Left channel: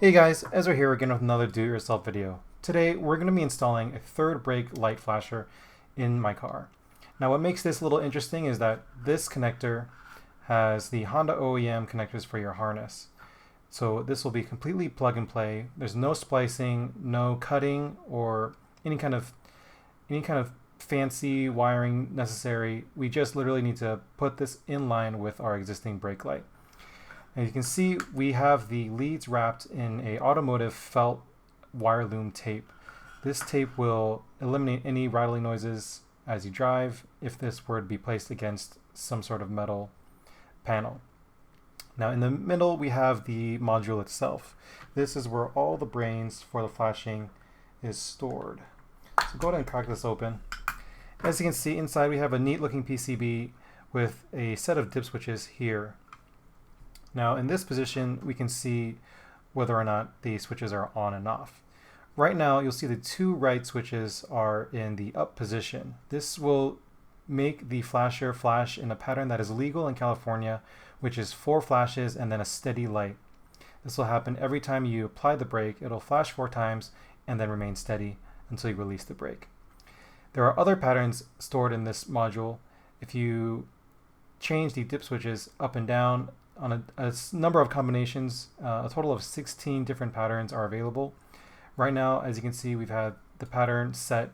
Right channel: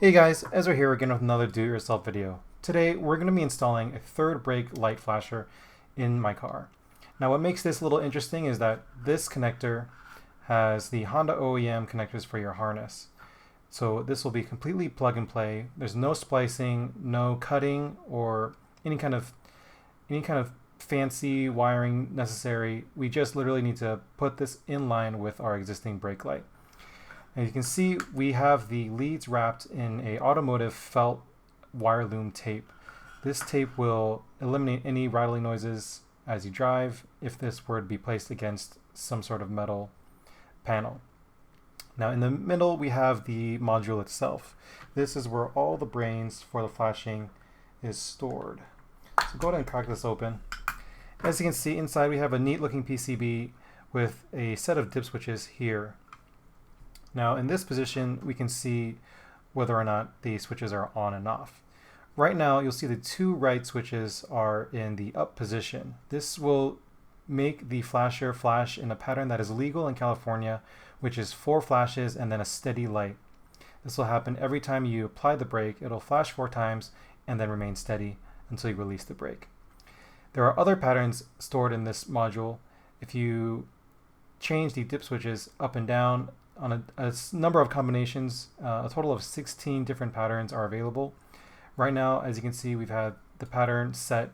Hey guys, Ezra here again with another do-it-yourself video. Today we're going to be installing a third brake light flasher in my car. Now what makes this a little interesting is that this connector has the Honda OEM connectors for your harness. So this will be completely plug and play. There's no splicing, no cutting, or any kind of fancy wiring necessary. We just literally need to put this in line with our existing brake light. And you can see we have the leads wrapped in a automotive felt wire loom tape. This tape will eliminate any rattling noises as you drive if this were to be placed against some sort of metal panel. Now in the middle we have the module itself. This is where all the brains for the flashing is stored. So go ahead and crack this open. As you can see inside we have a neat looking PCB with a set of dip switches here. Now in this position we can see whether or not the switches are on and off. Right now you'll see the two right switches are in the up position. This will make the flasher flash in a pattern that is legal in California, which is 4 flashes and then a steady light. This will happen every time you apply the brake. It'll flash 4 times and then remain steady until you release the brake. There are other patterns stored in this module. If you change the dip switches up and down on a number of combinations, a total of 16 different patterns are available. Right now, as you can see, we've had the pattern set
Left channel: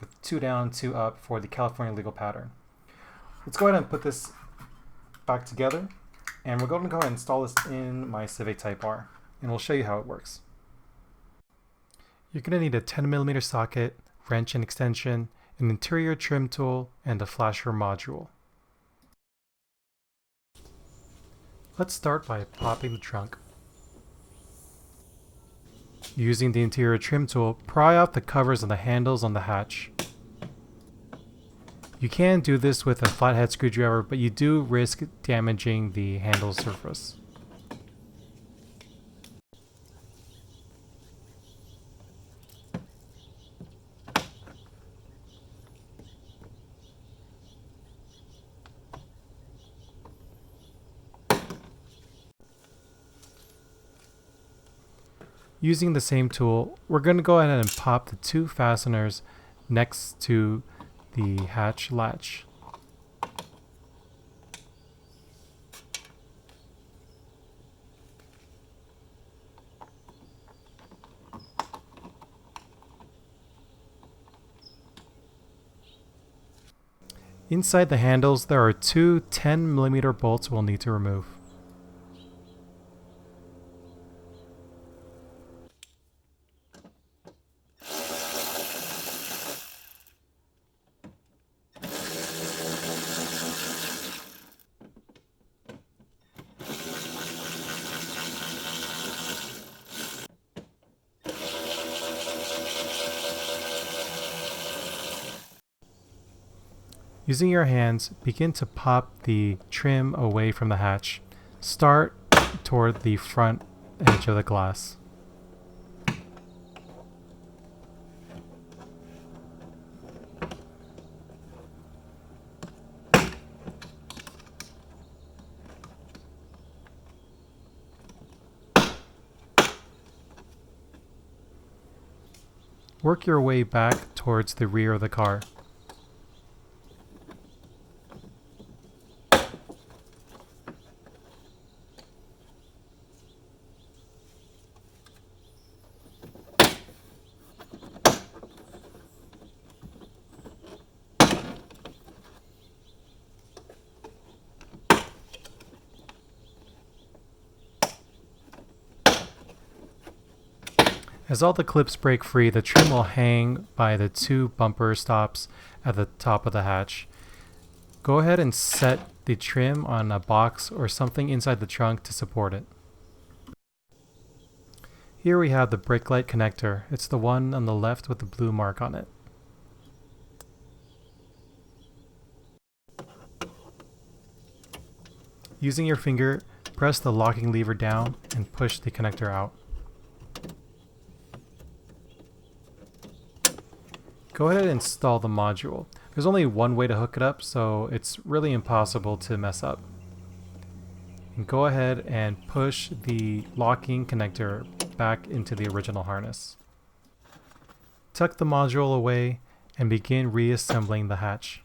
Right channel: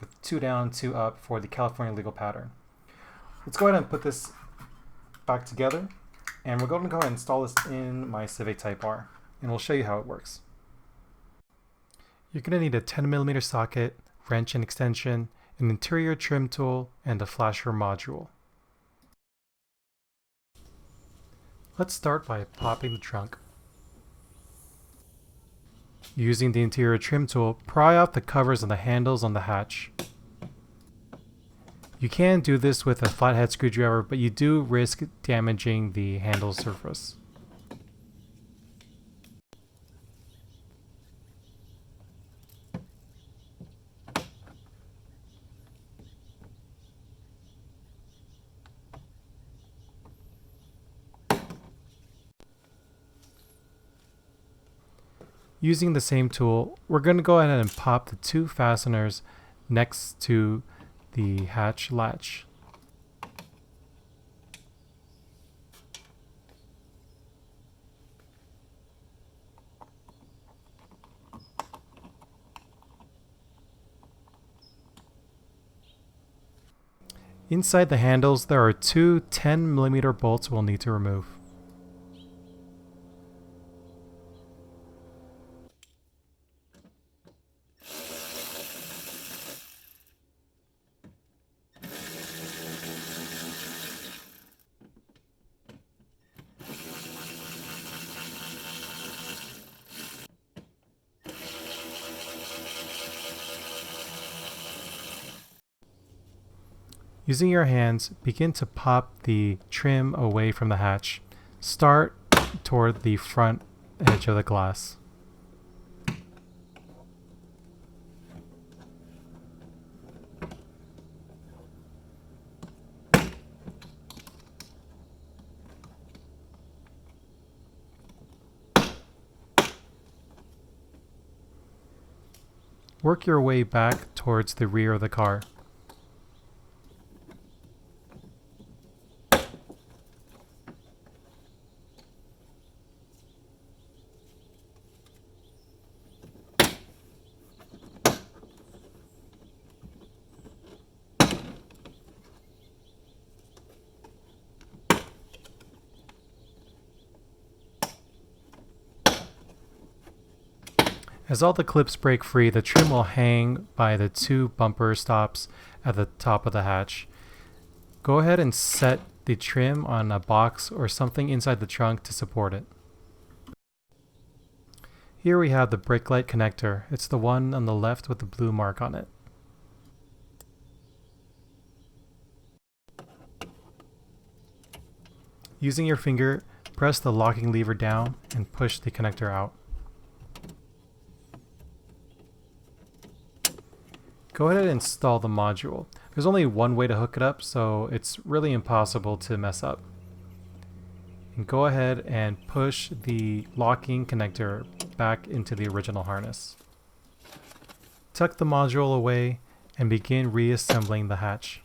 with 2 down, 2 up for the California legal pattern. Let's go ahead and put this back together, and we're going to go ahead and install this in my Civic Type R, and we'll show you how it works. You're going to need a 10mm socket, wrench and extension, an interior trim tool, and a flasher module. Let's start by popping the trunk. Using the interior trim tool, pry off the covers on the handles on the hatch. You can do this with a flathead screwdriver, but you do risk damaging the handle surface. Using the same tool, we're going to go ahead and pop the 2 fasteners next to the hatch latch. Inside the handles, there are 2 10mm bolts we'll need to remove. Using your hands, begin to pop the trim away from the hatch. Start toward the front edge of the glass. Work your way back towards the rear of the car. As all the clips break free, the trim will hang by the 2 bumper stops at the top of the hatch. Go ahead and set the trim on a box or something inside the trunk to support it. Here we have the brake light connector. It's the one on the left with the blue mark on it. Using your finger, press the locking lever down and push the connector out. Go ahead and install the module. There's only one way to hook it up, so it's really impossible to mess up. And go ahead and push the locking connector back into the original harness. Tuck the module away and begin reassembling the hatch.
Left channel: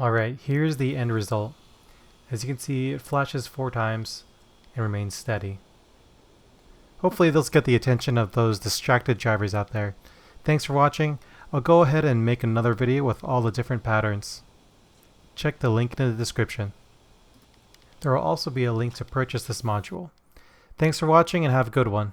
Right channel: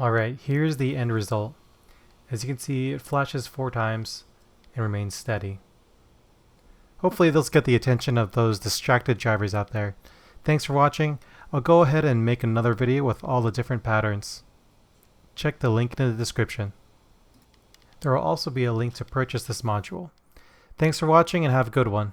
Alright, here's the end result. As you can see, it flashes 4 times and remains steady. Hopefully this will get the attention of those distracted drivers out there. Thanks for watching. I'll go ahead and make another video with all the different patterns. Check the link in the description. There will also be a link to purchase this module. Thanks for watching and have a good one.